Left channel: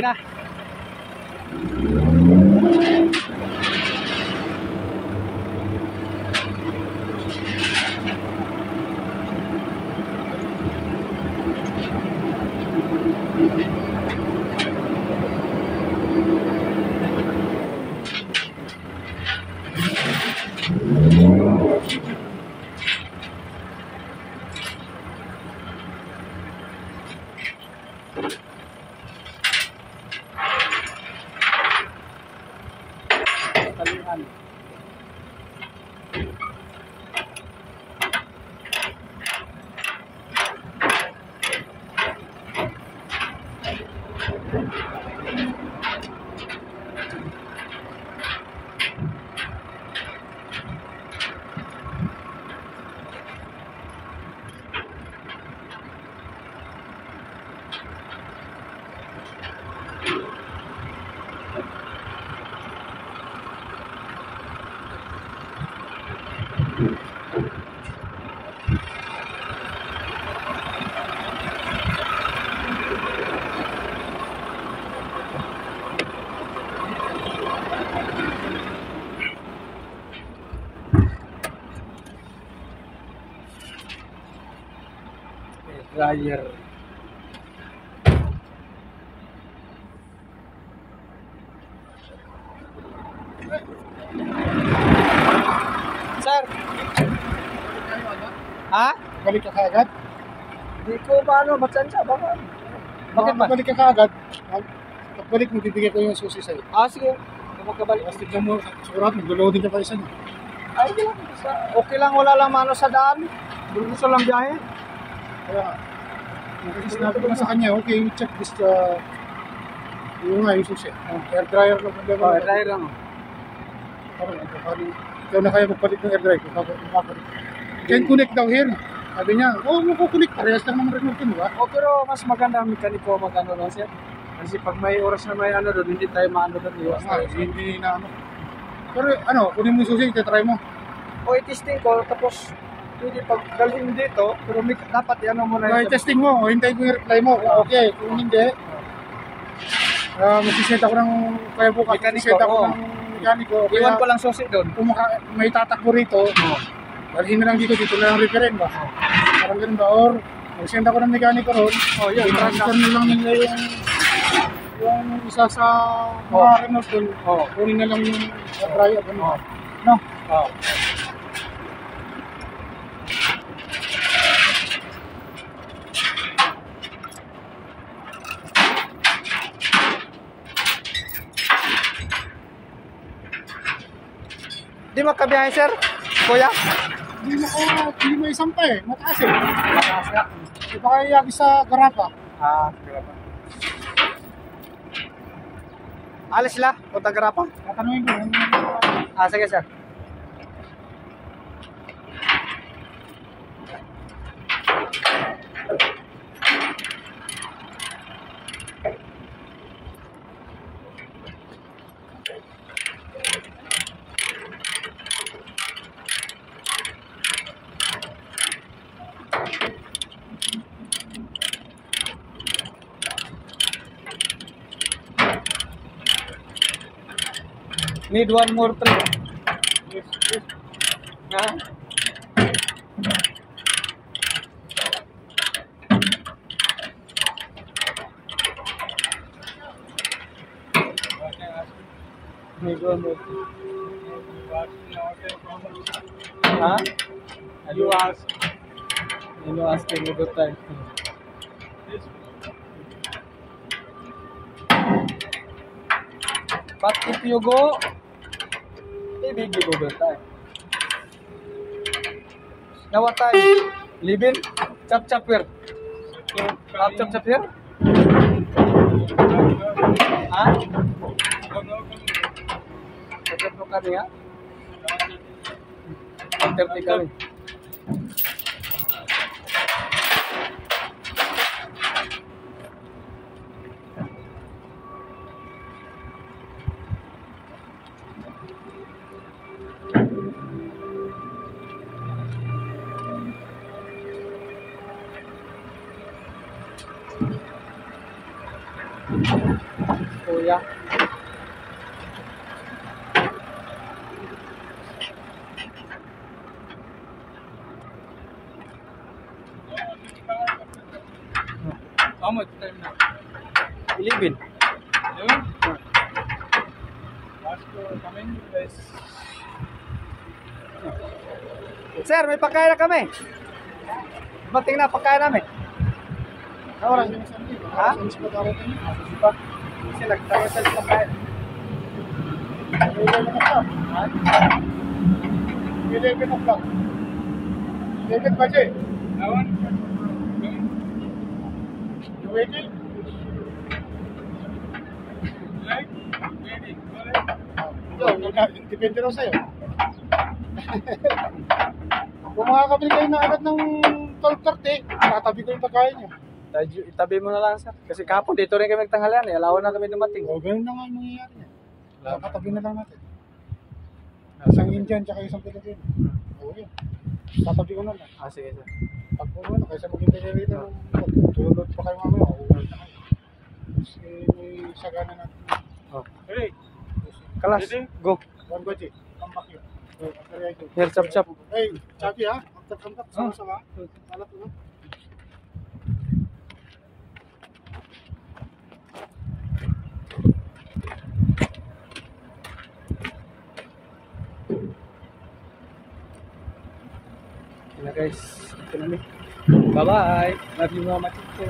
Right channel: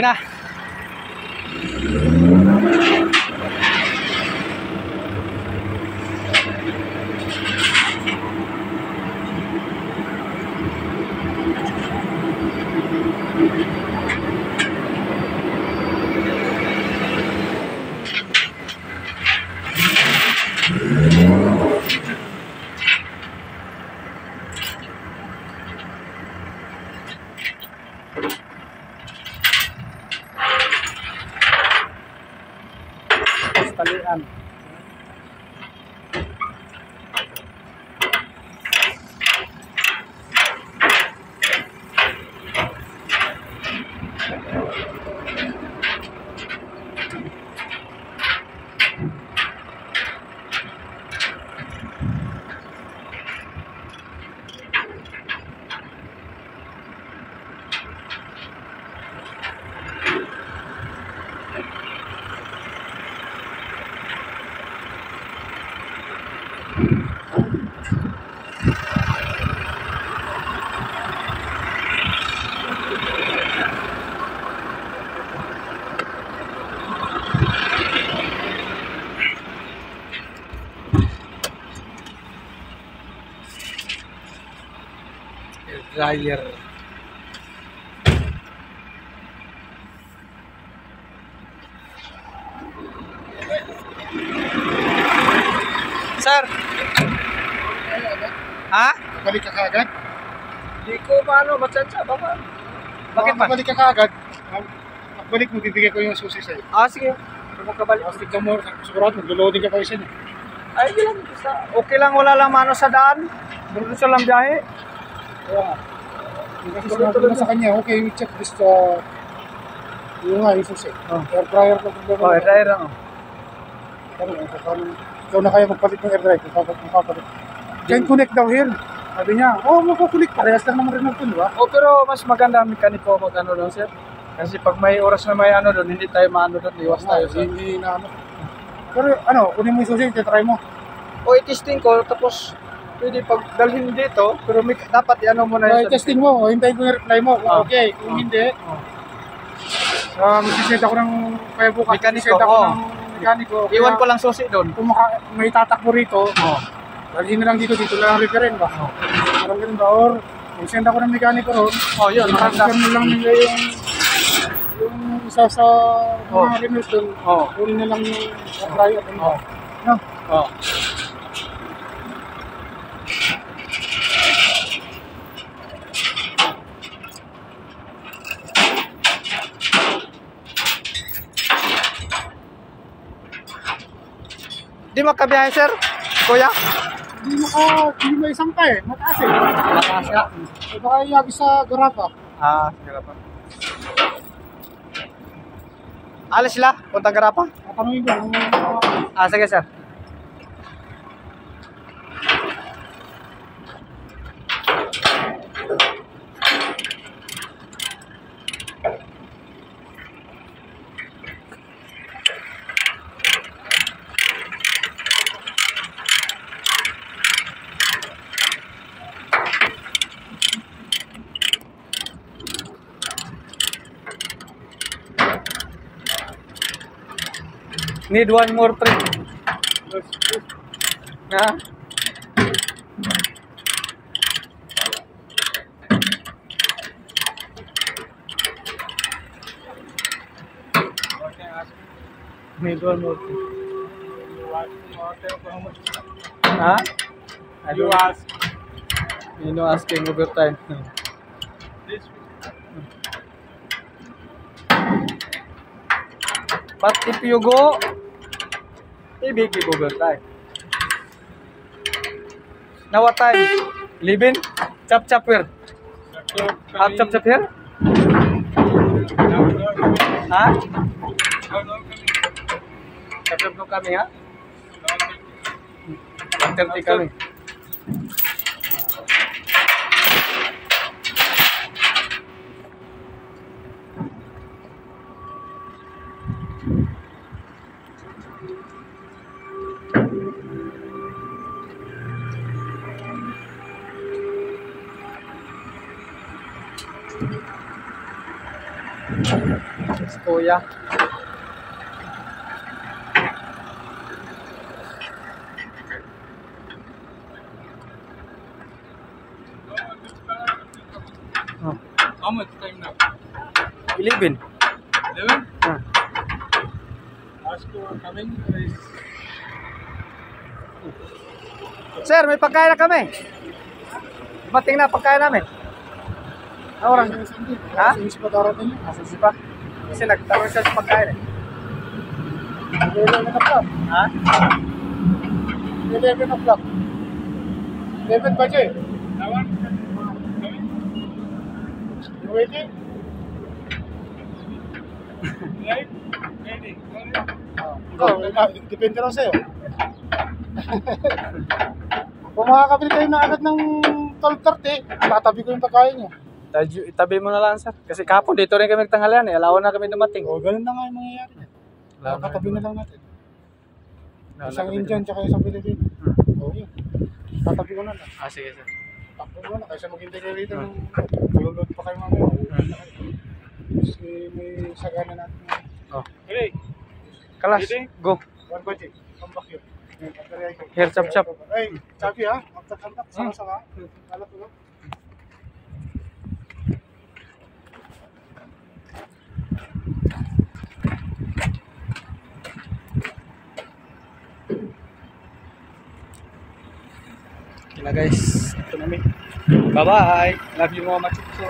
Okay na. Talian. Dryer. Sir. Ha? Balik ka kaagad? Di ko paano matsansya baka. Bakit ba? Balik ka kaagad. Pagbalik mo, bibigay ko yung susi sa'yo. Sige. Makabalik. Tignan mo, sigurado, mag-loading ka pa isa niya. Ay, di lang. Okay lang, wala lang mano sa daan. Gusto lang biyahe. Kaya nga. Yung kasi sinabi ko na sa kanya, okay, we check this, yung nga, yung susi. Air dryer lang. Air dryer lang. Ikaw na kaya magpalit ng air dryer, mapapalit. Can connect daw here. Sabi niya, makukunik, parehas lang naman rin natin, di ba? Pero mas maganda ang mekaniko mag-ano doon, sir. Kasi pag may oras na may ano doon, hindi tayo maano doon, iwas tayo. Hindi na ano. Pero kunin mo yung susi, try mo. I-testing ko, tapos pwede pag dalhin dito, pero dapat i-ano mo na yun. I-testing mo, hintayin ko yung reply mo. Okay, kung hindi, magsiset ako ng, kaya bukas, magsiset ako ng mekaniko. Iwan ko lang susi doon. Kung may tatakbo rito, dalhin na lang dito na lang referen ba? Parang ganun ba? Or, mag-send ako ng mekaniko ron, i-transfer na lang nila yung isa sa mga Renault doon, kunin na lang yung dryer doon. No? Di makabiyahe, sir? Kuya? Hindi mo isang pa eh, mataas eh. Mataas nga. Baka iagis sa garapa. Garapa. Alis sila? Puntang garapa? Tatanungin ko. Sige, sir. Need one more trip. Need one more trip. You ask. You know, asking overtime. But if you go, maybe give overtime. Now what time? Leaving? Chap where? Half chap here? Chap kami ha? 1:30 kami. Si Kuya. Oh. How much time now? 11. 11? Oh. Ask you coming, guys. Sir, may pagkain na kami. Dumating na pagkain namin. Ano oras? Ha? Since pa darating? Kasi pa. Kasi nagtawag siya sa pagkain eh. 11 o'clock. Ha? 11 o'clock. 11 बजे. Nawan? You waiting? Right? Waiting. Depende lang sa'yo. Kung makakabili kayo na agad ng 12:30, tatabi ko yung pagkain niya. Itabi mo na lang sir. Kasi kahapon dito rin kami nagtanghalian eh. Alawan na kami dumating. O, ganun na nga yung mangyayari. Katabi na lang natin. Isang Indian tsaka isang Pilipino. O, yun. Tatabi ko na lang. Ah, sige sir. Takbo mo na, kaysa maghintay kayo rito ng tulog pa kayo mamaya. Uuwi na kayo. Kasi may sagana natin. Oh. Hey, Kalas, go. 1 baje. Come back here. Here, chop chop. Hey, Chapi ha? Magtakantak, sama-sama. Alat mo na. Okay na guys. Ito na mi. Bye-bye. Love you mga machitso.